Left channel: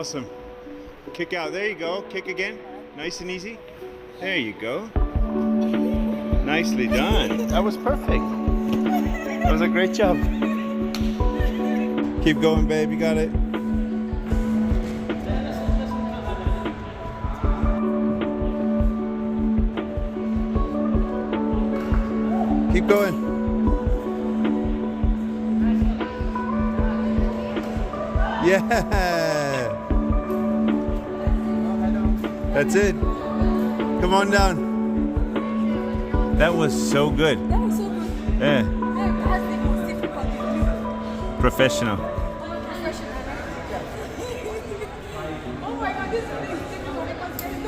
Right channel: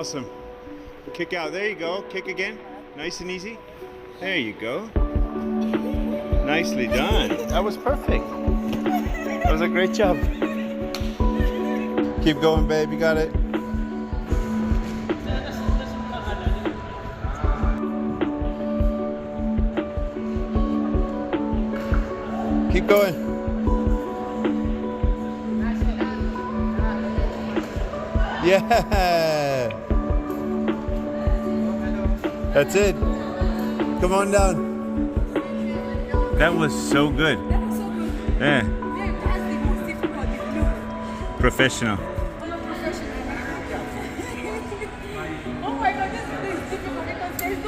Awesome. Kick out. There you go. Kick again. Nice and easy. There you go. Nicely done. That was perfect. That was a great job. Keep going, babe. You got it. Keep going. Yeah. That's it. Come on down. That was so good. That was so good. Yeah. Yeah, it has the most difficult with blue. Professional.